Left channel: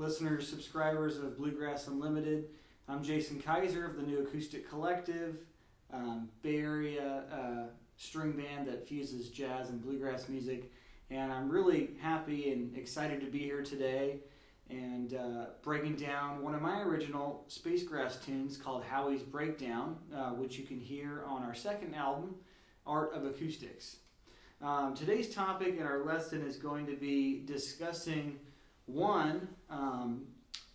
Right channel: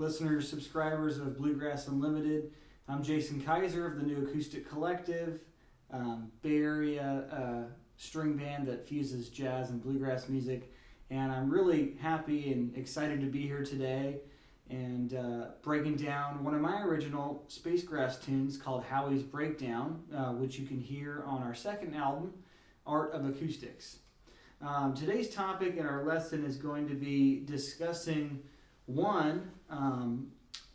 listeners, subscribers of Bluegrass Unlimited. I'm Jason Keiser of the New Acoustic Collective, Bay Area string band that fuses jazz and bluegrass music. And I'm really happy and excited to be here today and breaking down one of my original Spacegrass tunes called Howie's Breakdown, which you can hear on our second album, Art of Acoustics. Today's topic in our lesson is going to be discussing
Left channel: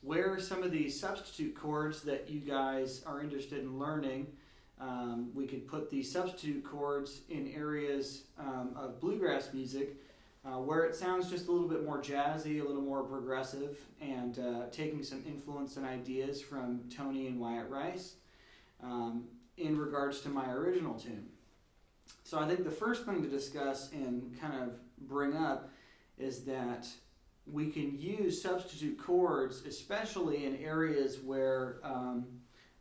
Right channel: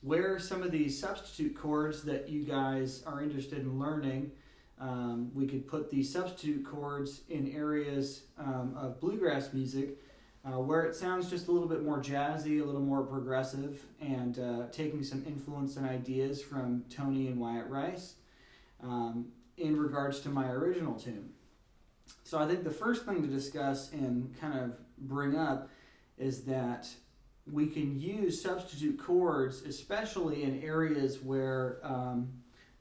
where some of these substitute chords that you guys are interested in learning. We could put these substitute chords in areas of bluegrass music where it sounds just a little bit more jazzy, a little more progressive, and taking some influence and ideas from Tony and Wyatt Rice in regards to my original tune. So I think the first thing to discuss and kind of bring up is that we can use substitute chords, especially in areas where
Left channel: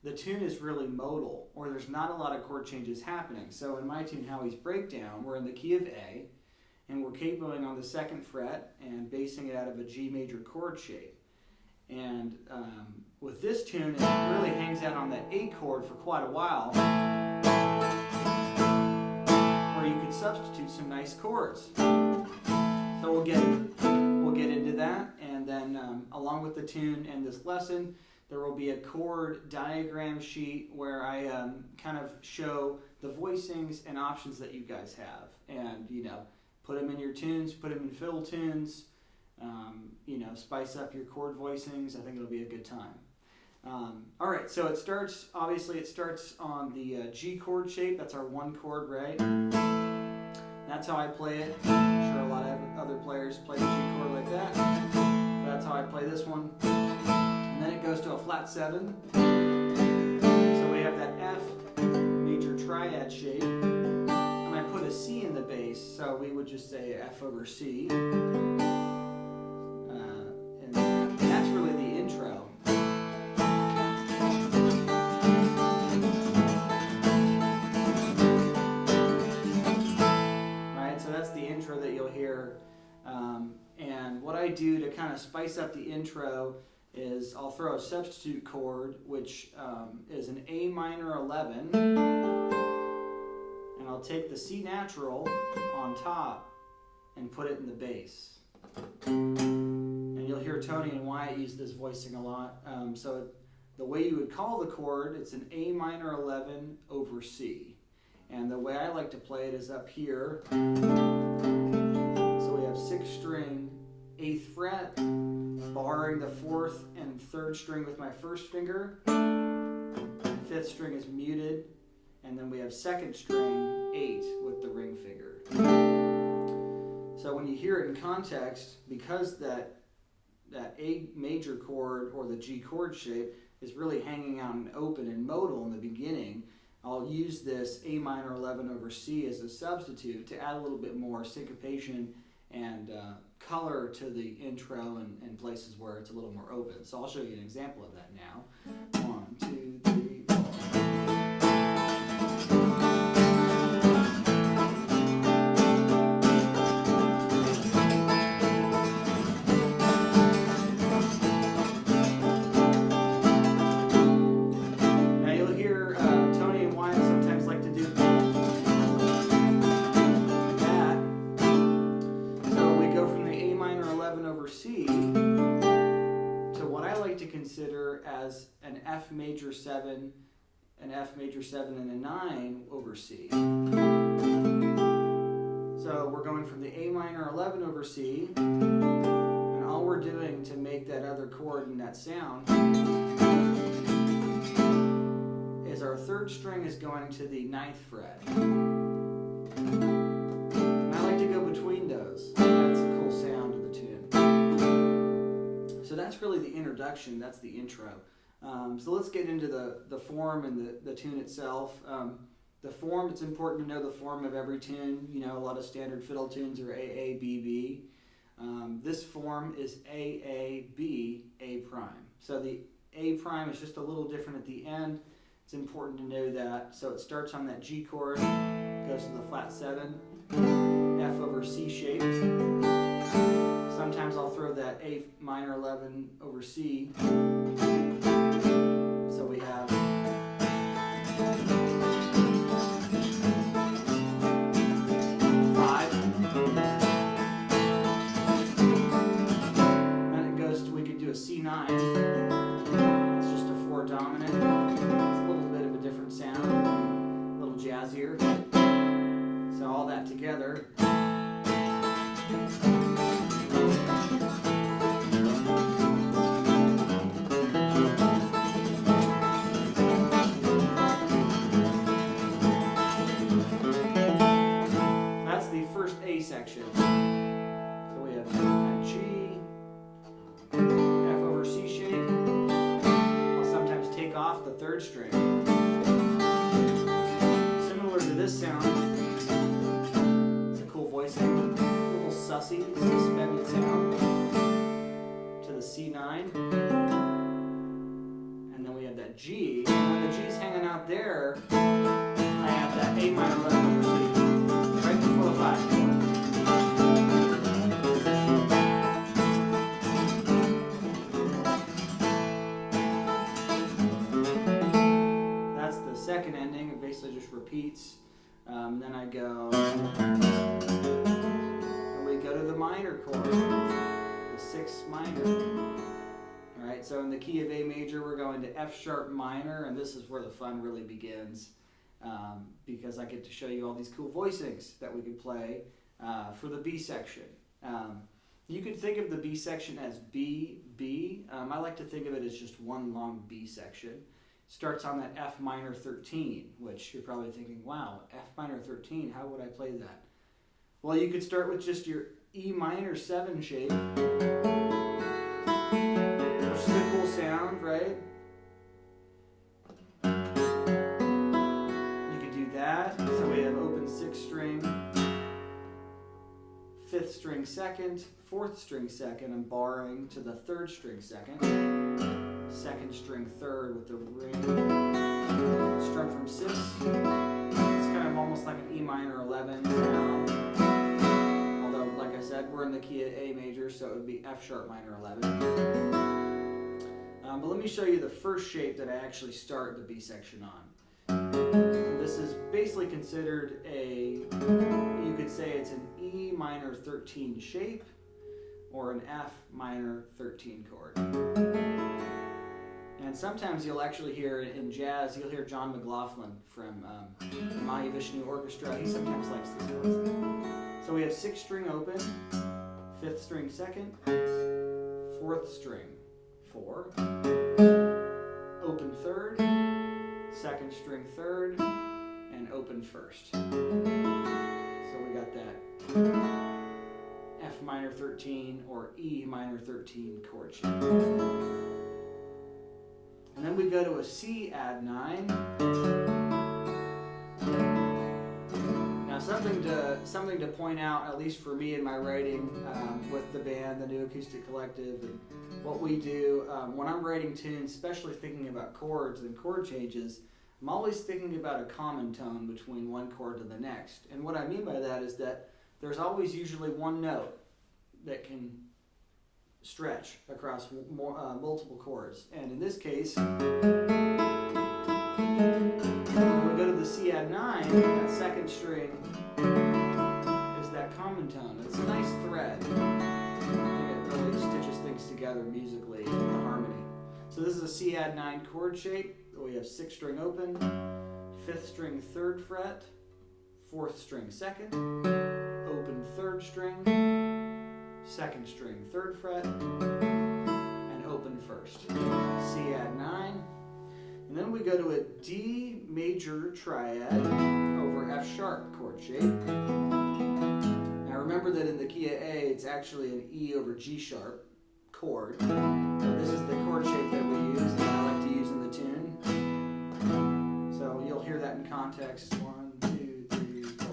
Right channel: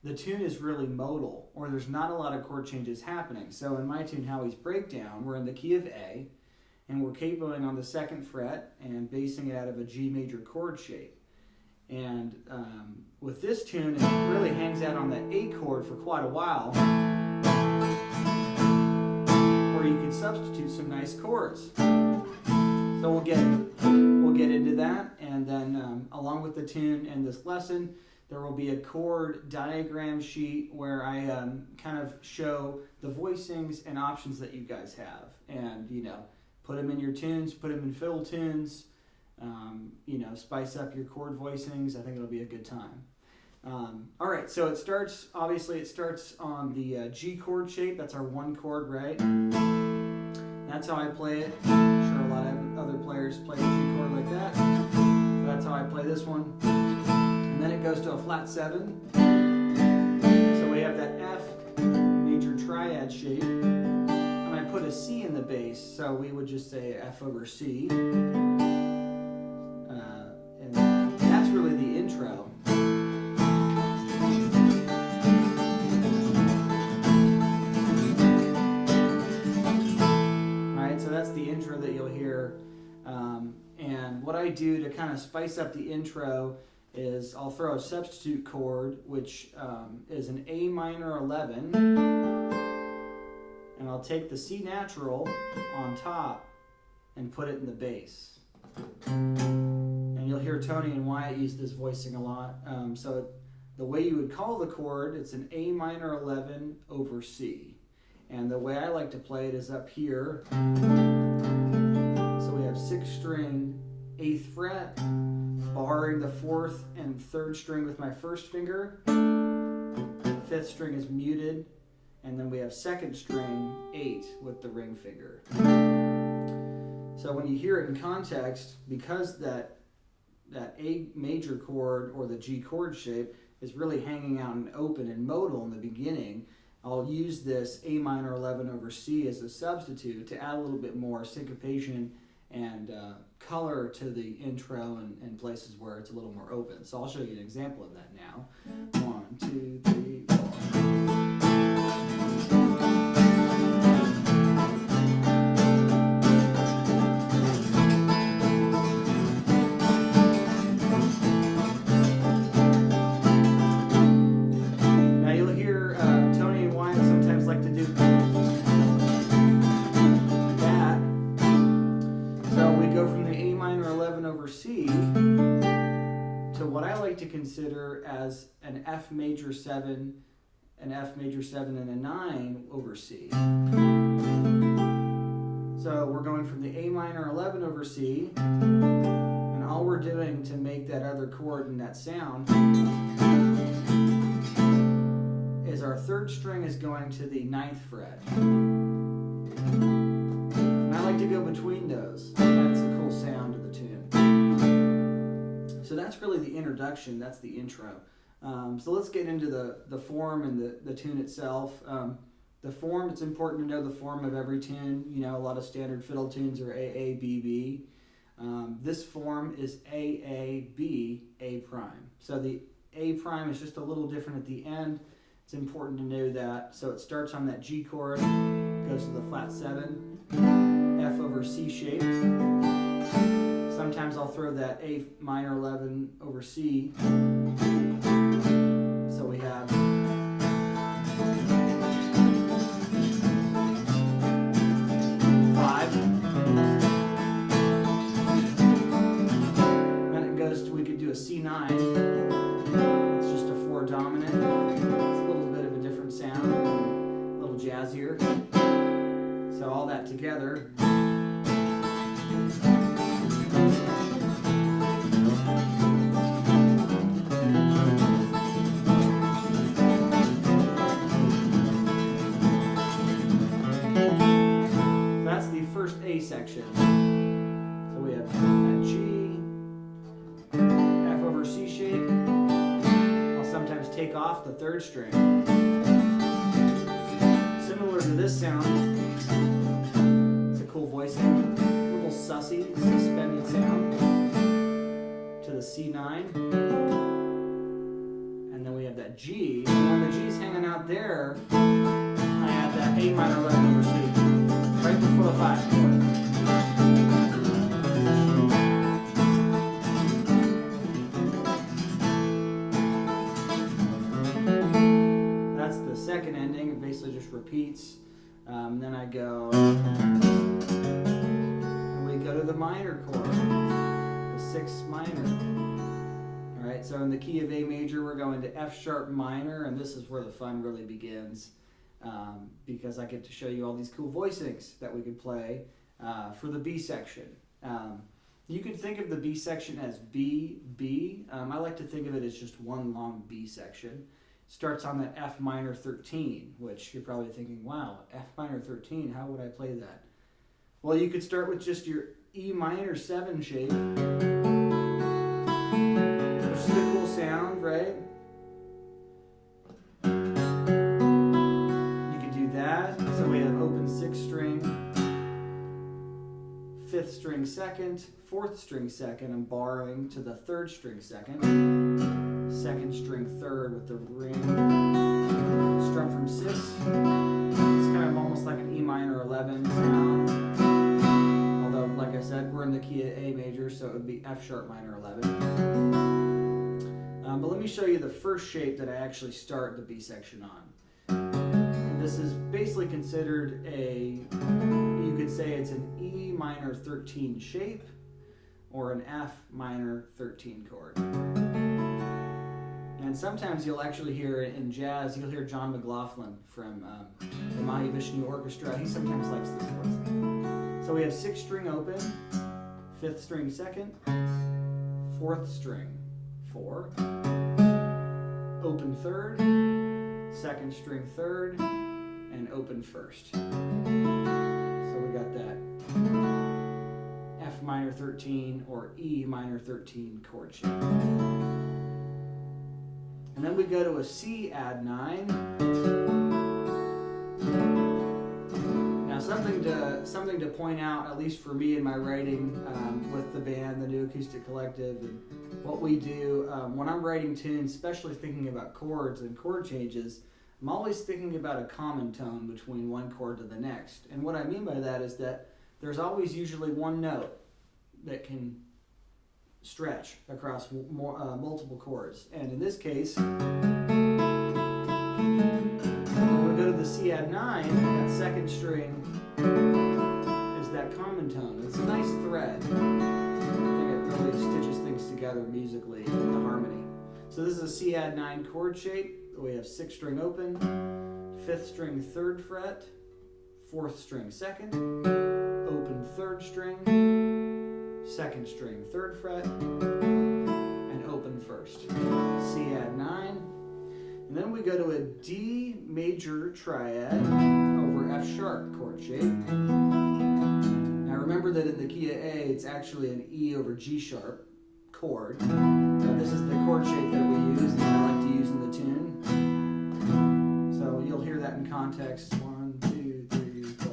the tune is really modal or there's not a lot of chord changes happening. So in my tune, Howie's Breakdown, we're in the key of A, and we're capoing on the 2nd fret and basing it out of a G major chord shape. And with this tune, it really hangs out on that A chord for quite a while, where you can substitute some nice chords. So we'll get into that, and then along with the tune and this lesson, there will be a chord diagram sheet where I kind of show the voicings and options that you guys have, and put them in your tunes, put them in fiddle tunes, spice up your chord voicings. I think it'll be a good time. All right, so it starts on the G chord shape. That's our 1 chord, right? That's how I play it. I'm sure a lot of other players play the G chord like that. So that's how I play this one. And then it goes to a flat 7. So we have that F major triad shape. And I put a C in the bass, so we would just say F over C. And that's really the intro. That you'll hear, and what I do to kind of spice up the intro is I'll throw a substitute chord, which is an A minor 11, and I'll take the C natural on top and put it in the bass. And you'll hear Tony and Wyatt use this voicing a lot. So the way you would call the chord, it's an A minor 11 over C. And the way I like to play it is up here. 6th string, 8th fret, barring the 4th and 3rd string with my 1st finger. 5th string is muted, and then we have 2nd string, 8 with the ring finger. So when you hear it in context, because that A major chord or the G chord shape is really hanging out and open and modal in the beginning, I'll use this A minor 11 over C as a substitute to add a little bit more syncopation and color to the intro and places where it's a little more open. So I'll show you an example of that now. 1, 2, 3, 4. Now you'll hear Tony and Wyatt sometimes like to do over C to what I like to consider as an F major 7, an F major 7 and a 9 over C. So we're going from the A minor 11 over C, and all we're doing to make that other chord and that sound is our 3rd string is going to the 9th fret. And I like to go between those. That's a cool sound to the tune. So that's really the introduction, that's the intro. So let's get into the form and the tune itself. The form, it's important to know the form of every tune. A lot of standard fiddle tunes are A, A, B, B. This form is A, A, B, A prime. So the A prime is just a little different at the end. It's important to know that. So it starts on that G chord, goes to the flat 7, F over C shape. Sometimes I'll throw that A minor 11 over C. So we have C9. It's just a 4 dominant. It's a little bit of a different sound, a little jazzier. So all that together. That's the first A section. So we have that G, F over C shape. I'll sometimes take off the 3rd string. Similar to this sound, it's a cool voicing, a little sussy, suspended sound to the C9. And then we have that G. And when the G's hanging out there, I have that A minor 11 over C, right before the 5 chord. Second ending, it basically just repeats. Then I go, and we go to the minor chord, the 6th minor. All right, so in the key of A major, we're going to F sharp minor, and this is where the fun really begins, because I get to show you all these cool voicings that we could play for the B section. You could think of the B section as B, B. I like to think of it as just one long B section. Starts on that F minor 13, which you're probably thinking, wow, F minor 13, how would I play that? Well, you could start with just your E minor 7 shape, which is a cool sound, right? You could do that. So we have open 6th string, 5th string 2nd, 4th string 2nd. I'm borrowing to the 3rd string 2nd. 2nd string 3rd with the ring, strum from 6. It's kind of almost like an E minor 11 sound. Although, like I said, we're in the key of A major, so it would be F sharp minor 11. But let me show you the first shape that I actually start the B section on. And this is basically considered you could say it's an E minor 13 shape or an F minor 13 chord. And sometimes you'll actually hear in jazz, you'll hear John McLaughlin from the Mahavishnu Orchestra. He sometimes likes this one. So we have 6th string open, 5th string 2nd, 4th string 4, open 3rd, 2nd string 3rd, and open 1st. So we got that F minor 13 or E minor 13 chord shape. And then we go to a C add 9. Now something to point out, at least for me in my writing with the band, the New Acoustic Collective, and what we do when I'm writing tunes, especially thinking about chords and chord changes, I'm always thinking about a common tone between one chord to the next. And what I mean by that is that there's always usually one note that can stretch across multiple chords. And in this case, when we go to the C add 9, that 2nd string is that common tone. It's a nice thread. I think it really stitches things together musically with the harmony. So this is a C add 9 chord shape. We have 6th string open, 5th string 3rd fret, 4th string 2nd, open 3rd string, 2nd string 3rd fret, and open 1st. C add 9. And then we go to a D major triad over F sharp chord shape. Now remember that in the key of A, it's actually an E over G sharp chord. This is the chord shape that we use and I like to use in the tune. So you'll hear that in context. 1, 2, 3, 4.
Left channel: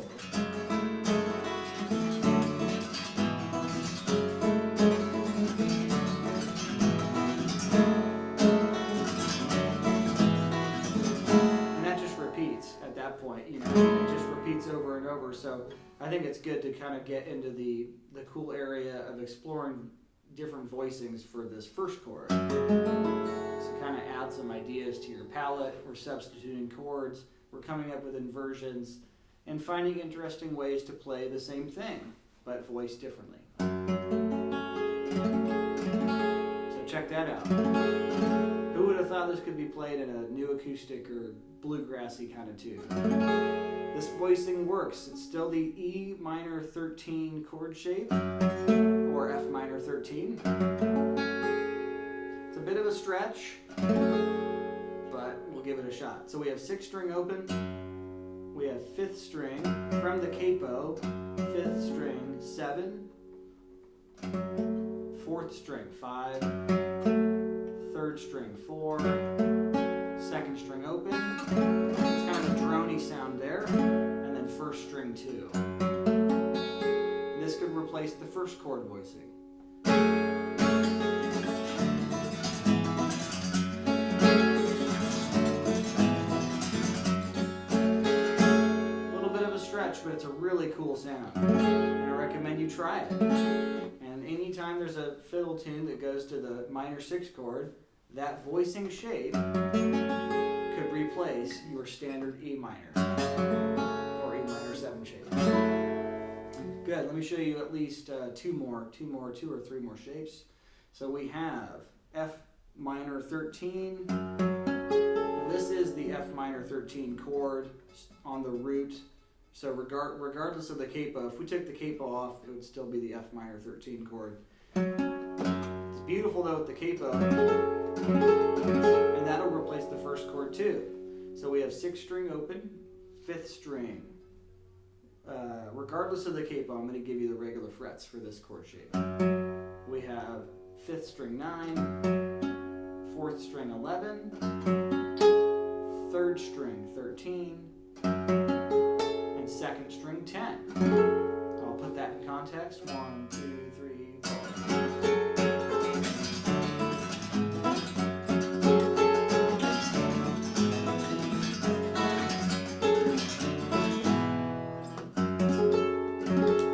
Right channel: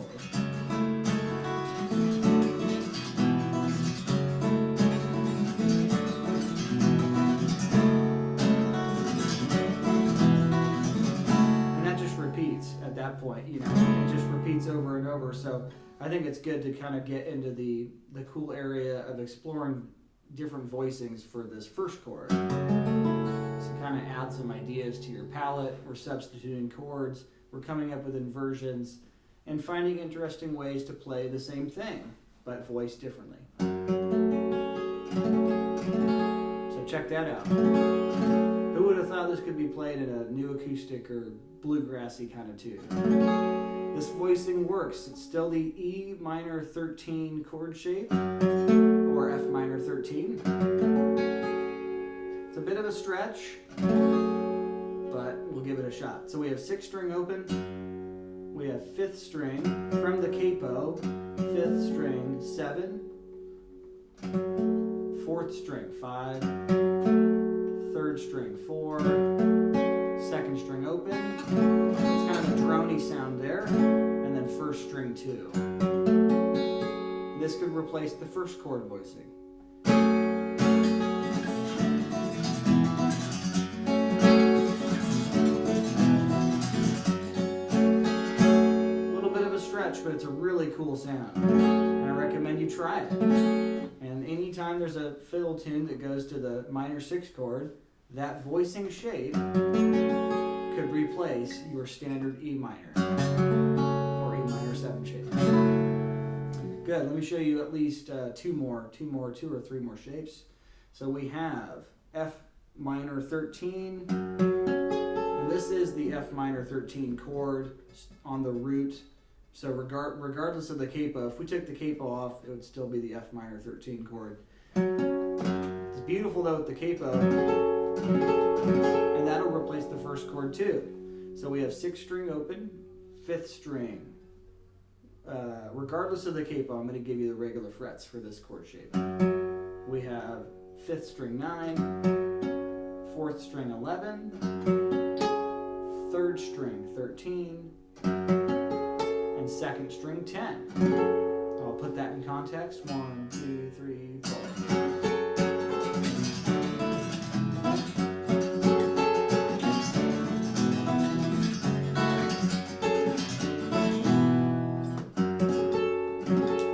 And that just repeats at that point, you know. It just repeats over and over. So I think it's good to kind of get into the cool area of exploring different voicings for this first chord. So kind of add some ideas to your palette. We're substituting chords. We're coming up with inversions and finding interesting ways to play the same thing, but voiced differently. So check that out. Who would have thought this could be played in a new acoustic or bluegrassy kind of tune? This voicing works. It's still the E minor 13 chord shape, or F minor 13. It's a bit of a stretch, but we'll give it a shot. So we have 6th string open, we have 5th string from the capo, 5th string 7, 4th string 5, 3rd string 4, 2nd string open, it's kind of a drony sound there, and then 1st string 2. This could replace the first chord voicing. But it's a really cool sound, and I recommend you try it. And anytime there's a fiddle tune that goes to the minor 6 chord, that voicing shape could replace your standard E minor or E minor 7 shape. Good. Let me show you at least two or three more shapes. So we have F minor 13, and this is the F minor 13 chord on the root. So regardless of the capo, if we took the capo off, it would still be the F minor 13 chord. It's beautiful though with the capo, and that'll replace the first chord too. So we have 6th string open, 5th string. Regardless of the capo, I'm going to give you the regular frets for this chord shape. We have 5th string 9, 4th string 11, 3rd string 13, and 2nd string 10. I'll put that in context. 1, 2, 3, 4.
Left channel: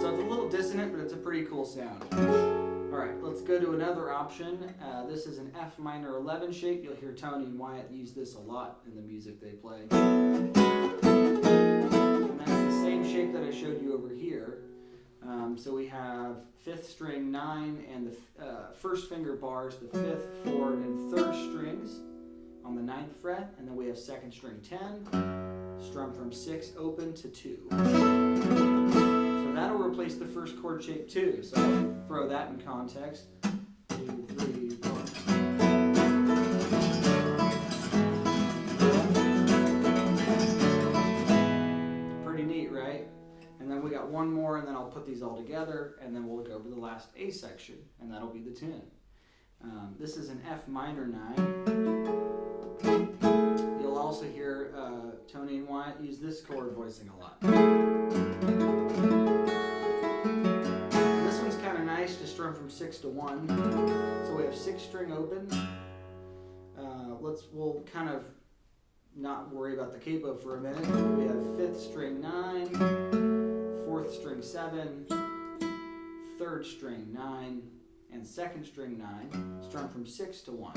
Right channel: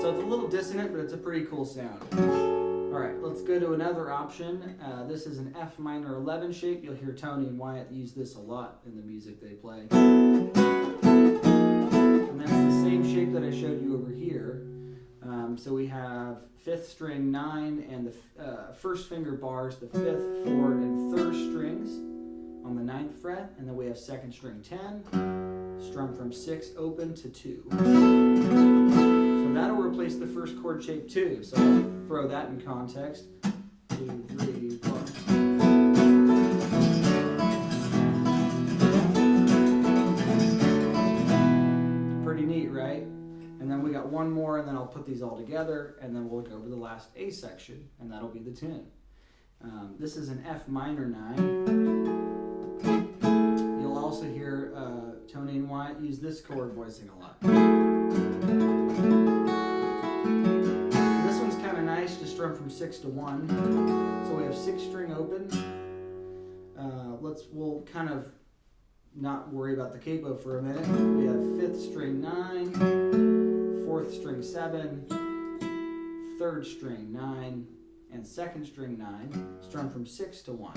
So it's a little dissonant, but it's a pretty cool sound. All right, let's go to another option. This is an F minor 11 shape. You'll hear Tony and Wyatt use this a lot in the music they play. Same shape that I showed you over here. So we have 5th string 9 and the first finger bars, the 5th, 4th, and 3rd strings on the 9th fret, and then we have 2nd string 10, strummed from 6 open to 2. So that'll replace the first chord shape too. So I'll throw that in context. 2, 3, 4. Neat, right? And then we got one more, and then I'll put these all together, and then we'll go over the last A section, and that'll be the tune. This is an F minor 9. You'll also hear Tony and Wyatt use this chord voicing a lot. This one's kind of nice to strum from 6 to 1. So we have 6th string open. We'll kind of not worry about the capo for a minute. We have 5th string 9, 4th string 7, 3rd string 9, and 2nd string 9, strummed from 6 to 1.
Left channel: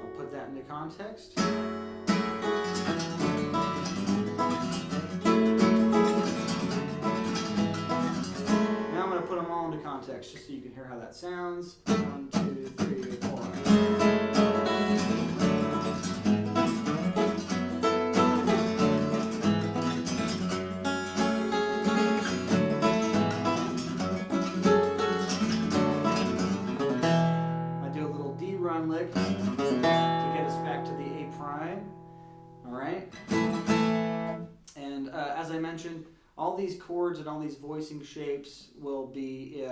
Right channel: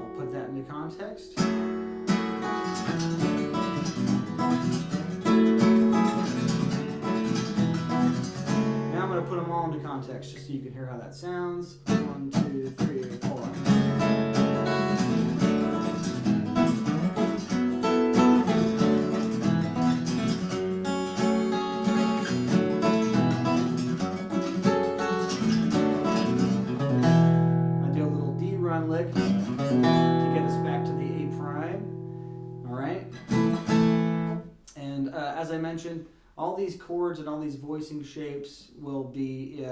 I'll put that into context. Now I'm going to put them all into context just so you can hear how that sounds. 1, 2, 3, 4. Lick to get us back to the A prime. All right, and as I mentioned, all these chords and all these voicing shapes will be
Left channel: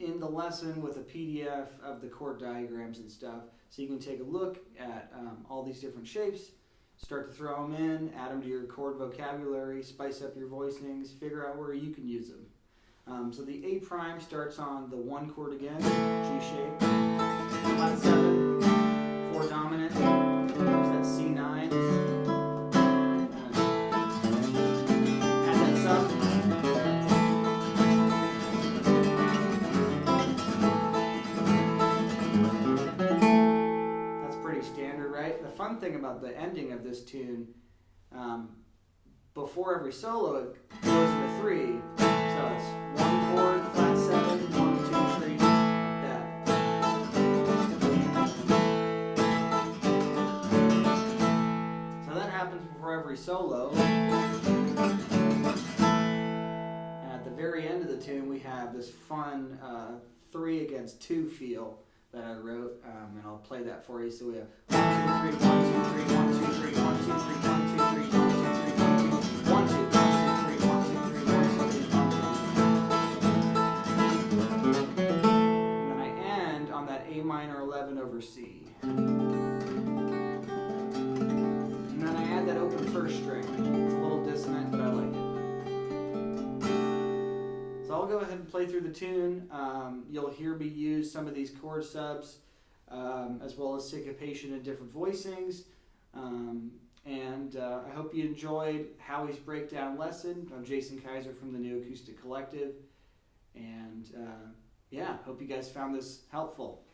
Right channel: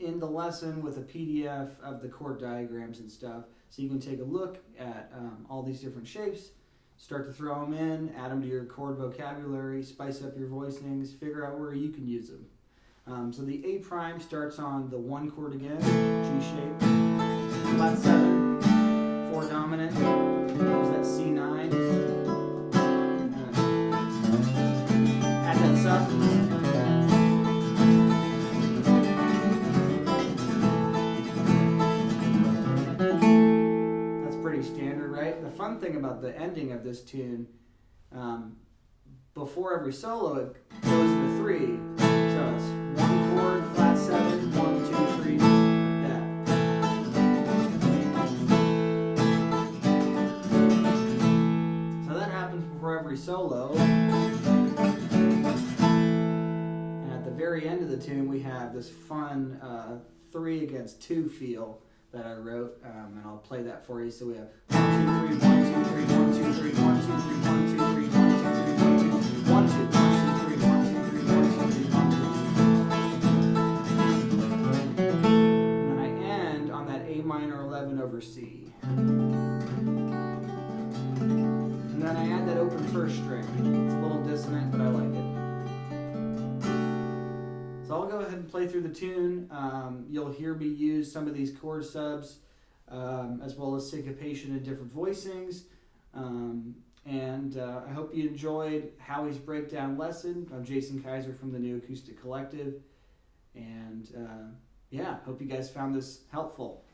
in the lesson with a PDF of the chord diagrams and stuff, so you can take a look at all these different shapes, start to throw them in, add them to your chord vocabulary, spice up your voicings, figure out where you can use them. So the A prime starts on the 1 chord again, G shape. Flat 7, 4 dominant, goes that C9, thing about the ending of this tune, before every solo it goes into 3. So it's 1 chord, flat 7, 1, 2, 3, like that. So that happens before every solo. And at the very end of the tune, we have this fun 3 against 2 feel that I wrote, and I'll play that for you. So we have 1, 2, 3, 1, 2, 3, 1, 2, 3, 1, 2, 3, 1, 2, 3, 1, 2, 3, 1, 2, 1, 2, 1, 2, 3, 1, 2, 3, 1, 2, 3, 1, 2. And then I end on that A minor 11 over C. And then I add that open first string. It's a little dissonant, but I like it. So I'll go ahead and play through the tune. You'll hear me use some of these chord subs, as well as syncopation and different voicings. I hope you enjoyed Howie's breakdown lesson. I'm Jason Keiser from the New Acoustic Collective. And hope you guys found this helpful.